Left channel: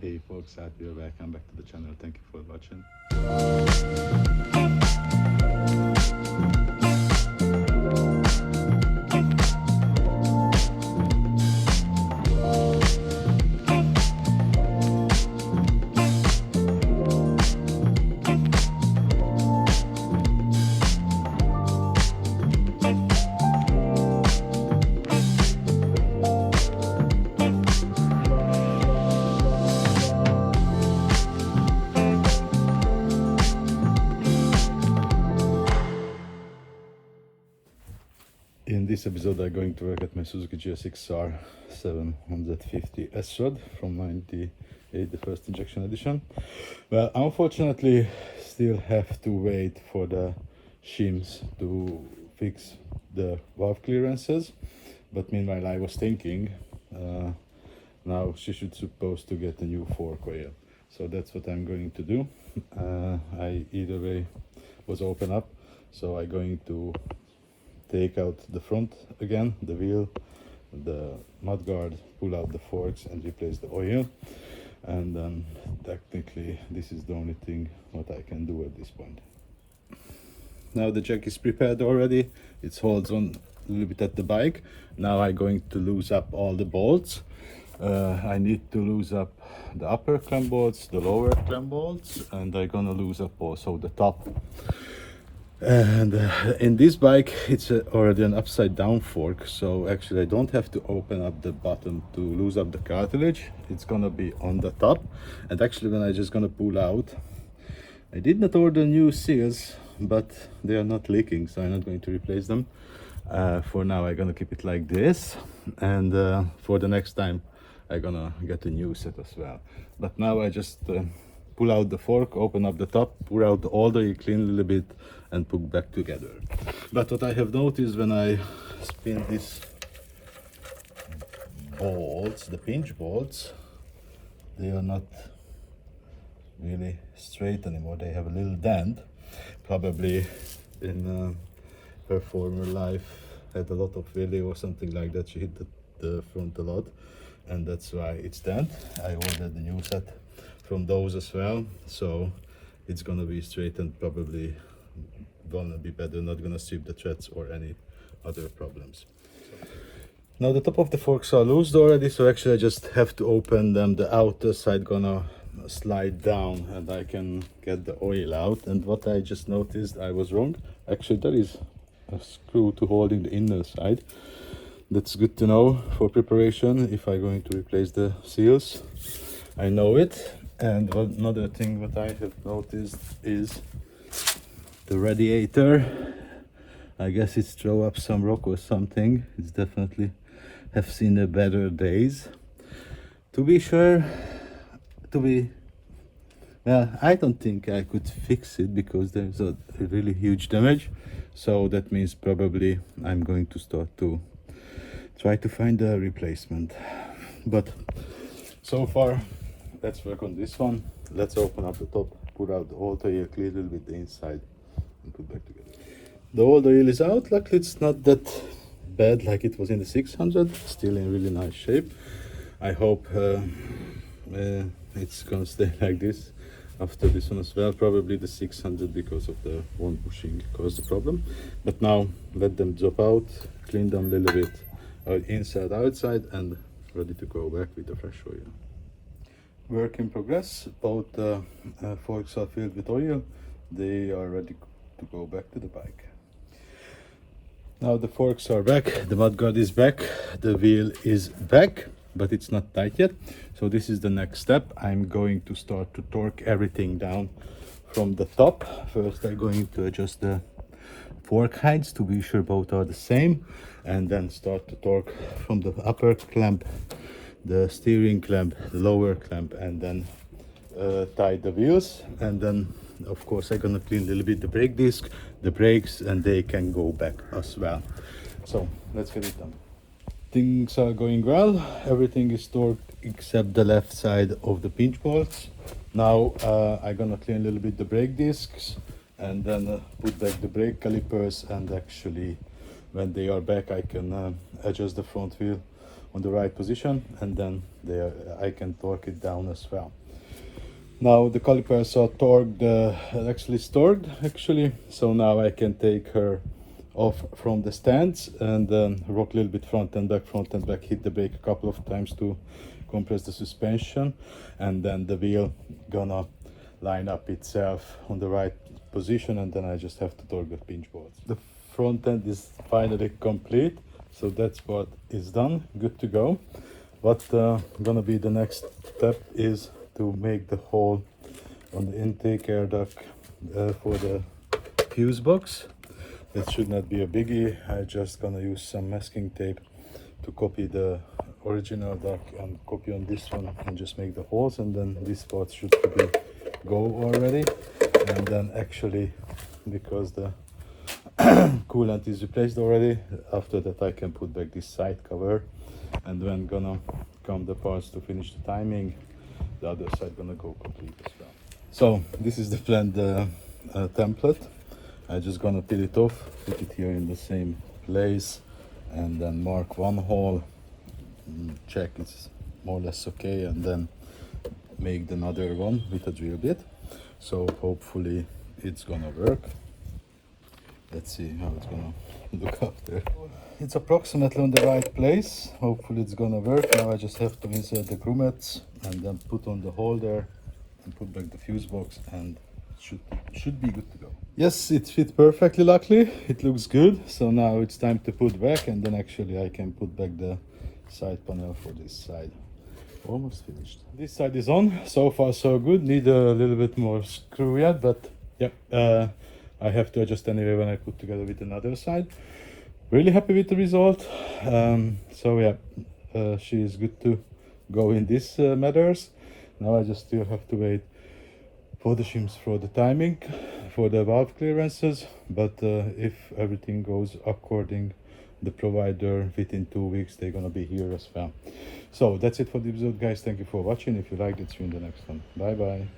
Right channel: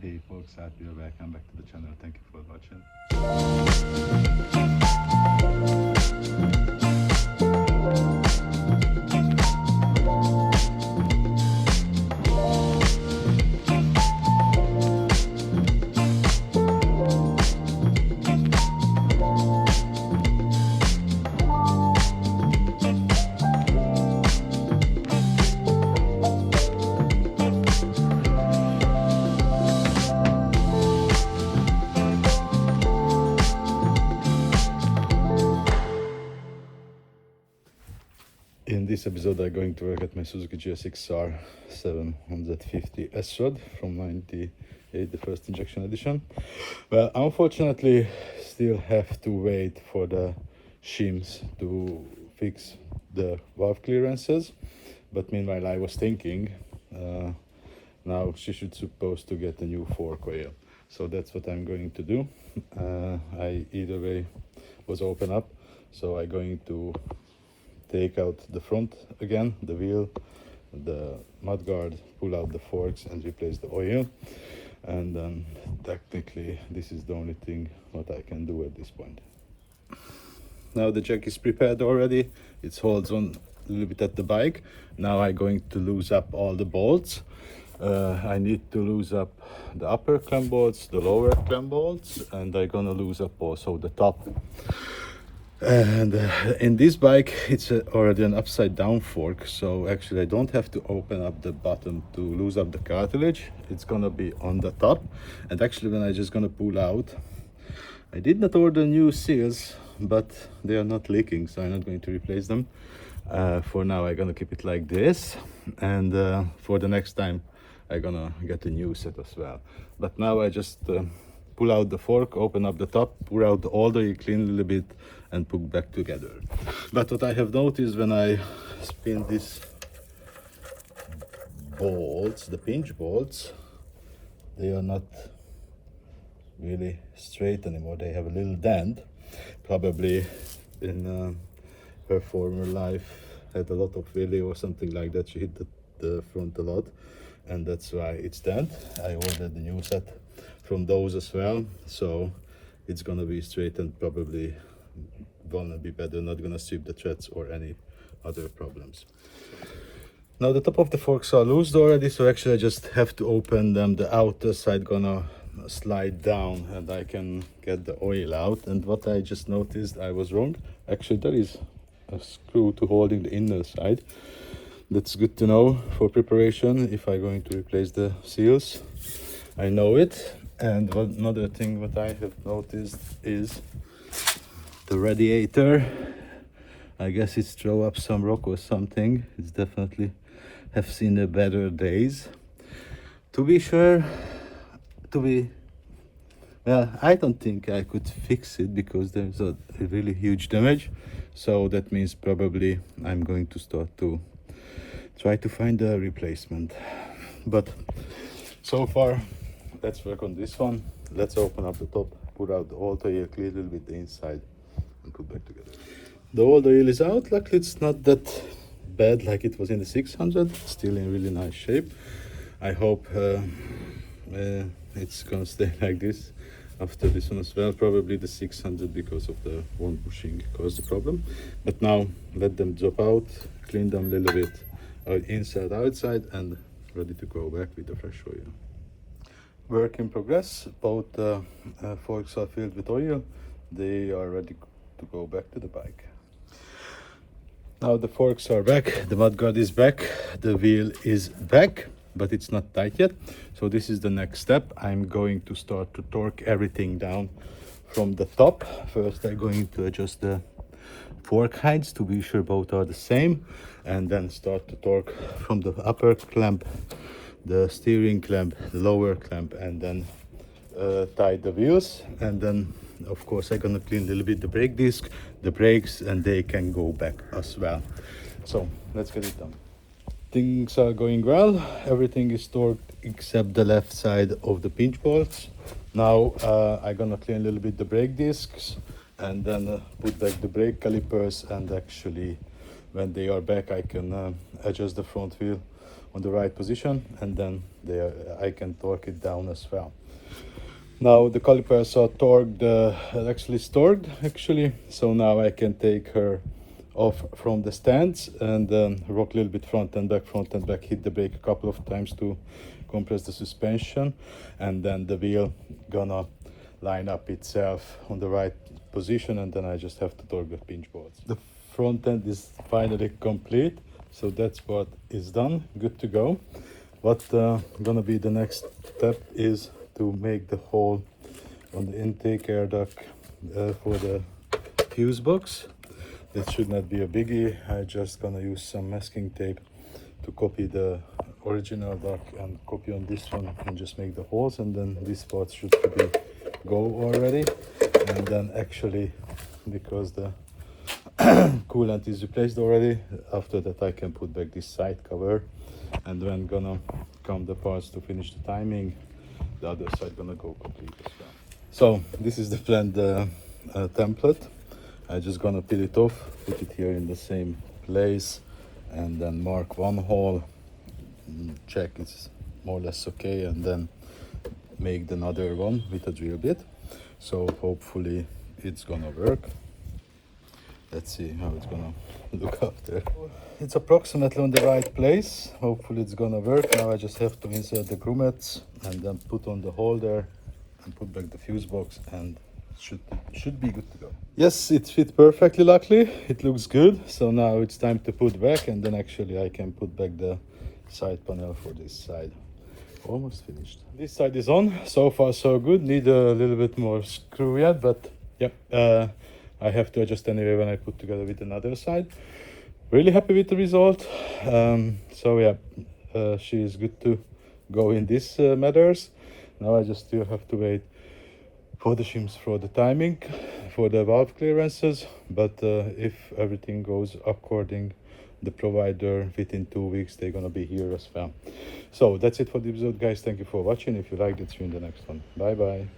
Hey folks, Srad here, welcome back to the channel, thank you for watching. In this episode I'm going to work at my Suzuki gsx-r 750 Srad from 98, the first injection edition. Well, unfortunately still have to wait for the shims to fix the valve clearances, but meanwhile I was thinking now she should supposed to get a new fork oil, so that's what I'm going to do. I either way was open up, so I'm going to take out the front again, the wheel, the mudguard, pull out the forks and replace the oil. And then technically this is the only thing what I can do at this point. Now the jack is prepared already, it holds on a little bit at the bike. Now I'm going to loose up all the bolts. I need to loose up the upper clamp bolts, the lower clamp bolts, and I'm gonna loose up also the top. And in this bike it's already an upside down fork, so actually I don't have to open up the bottom to lose up the cartilage. It's gonna be on the top. And actually when I just gonna pull out, I did not order new seals, but they are not leaking, so I'm not going to replace them. For now I'm gonna keep it like this, and for the next time I'm gonna get a new set as well. But now I just pull out the fork, open up the top, pour out all the oil, clean a little bit and put back together. But what I have noticed when I spin these bolts, the pinch bolts, they are not really straight anymore. They have a little dent. Probably in her former life had a lot of wheelie or something like that. She hit the front a lot, and that's why it's dent. I ordered the new set from those as well, so it's gonna be straight and probably gonna be better, not gonna strip the threads or any other problems. Now the top of the forks are loosed already, so actually I just have to open them. The outer side gonna slide down and I can get the oil out. And what I just noticed, I was wrong. Actually there is a screw to holding the inner side. That's good to know for preparation if I'm going to replace the seals. I know it. And another thing that I have noticed is the radiator. I guess it's throw up some rock or something. It's definitely have seen the better days. To be sure, well, I don't think I could fix it because there's a really huge damage. So that means probably I'm going to start to try to find a replacement. But so far, let's work on this one. Let's open up the top, put out all the oil, clear a little bit the inside and put back together. The old oil is out. Luckily it's not that bad like it was in the 600, still in really nice shape. I hope it's gonna stay like this after this one as well. Probably the 600 because of the one bushing caused the problem. But now let them drop out, clean them a little bit inside outside, and ready to go back with the fresh oil. Work in progress. Both forks are filled with oil. They are ready to go back to the bike. Now the forks are back, the mudguard is back, the wheel is back, but it's not tight yet. So this is the next step. I'm going to start to torque everything down from the top. First I'm going to adjust the fork heights to be sure both are the same, and then start to torque from the upper clamp, the steering clamp, the lower clamp, and then tie the wheels. And then of course I'm gonna clean a little bit the brake disc, the brakes, and they can go back as well. So let's get it done. Things are going well. Everything is torqued except the left side of the pinch bolts. Now I'm gonna clean a little bit the brake discs and then put back the brake calipers, and actually when they are back I can adjust the front wheel on the right position, and then I can torque it down as well. Now the calipers are torqued, actually stored actually, so now I can take her off from the stands and then rock a little bit front and back, hit the brake a couple of times to compress the suspension, and then the wheel gonna line up itself on the right position, and then I just have to torque the pinch bolts. The front end is finally complete, so that's what is done, good to go. What gonna be the next step is to make the hole on the intake air duct for the fuse box. That should not be a biggie. I just gonna use some masking tape to copy the original duct and copy on this one and just make the holes, and then this part should be go already. And then actually, because the coolant is replaced already, after that I can put back this side cover, and then gonna come the parts to finish the timing. The other side gonna go complete as well. So this is the planned template. I just gonna peel it off, put it here in the same place, and then mark one hole, check it's more or less okay, and then make another one with a drill bit. So hopefully it's gonna work. Let's see how it's gonna look after. It's approximately on the right place. Hopefully it's gonna work. Now I just have to insert the grommets and then put on the holder and put back the fuse box, and should be good to go. Yes, it fit perfectly, luckily. It looks good. So now it's time to put back, and then actually I can put back the side panel for this side. Almost finished. This side is on. So far so good. Need a little bit more screw yet, but yep. I have to adjust anyway when I put together with another side. Really happy with the result. So yeah, she is good to go in these matters. Now I just still have to wait for the shims for the timing, for the valve clearances. But if everything goes according the provider, within 2 weeks they're gonna be here as well. So that's it for the episode, guys. Thank you for watching. If you liked it, see you in the next one. Bye bye.